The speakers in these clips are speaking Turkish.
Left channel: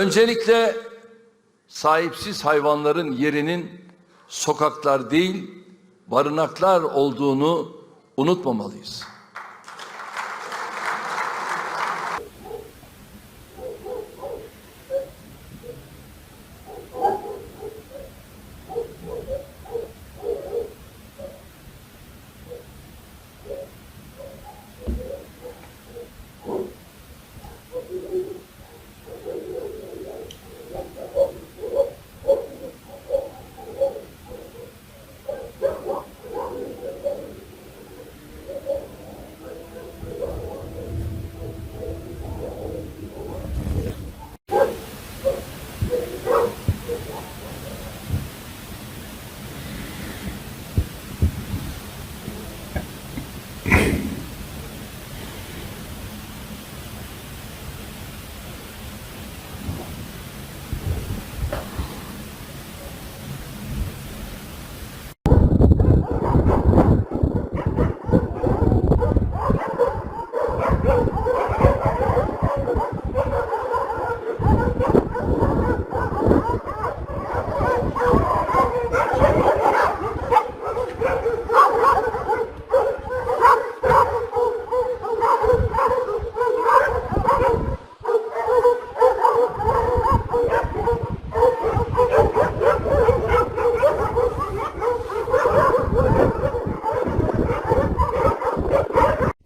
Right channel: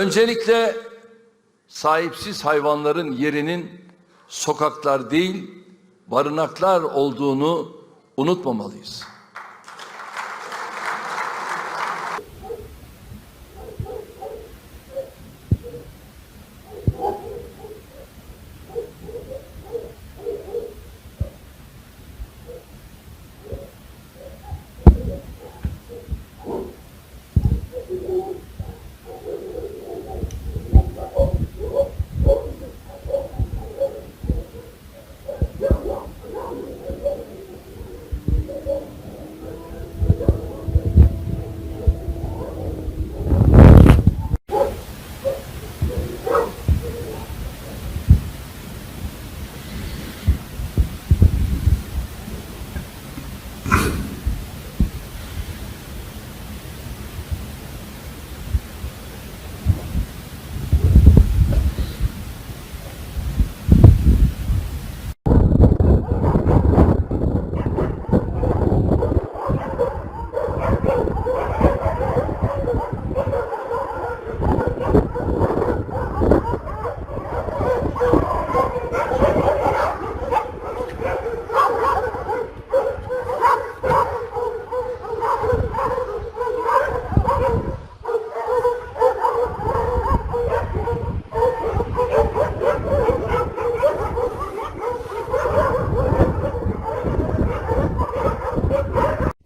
Öncelikle sahipsiz hayvanların yerinin sokaklar değil, barınaklar olduğunu unutmamalıyız.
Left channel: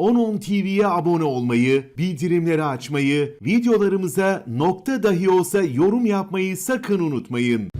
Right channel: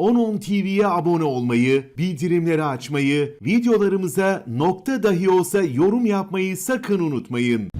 Onun TV'ye abone olmayı, bildirimleri açmayı, videolarımıza nokta dahi olsa yorum yapmayı sakın unutmayın.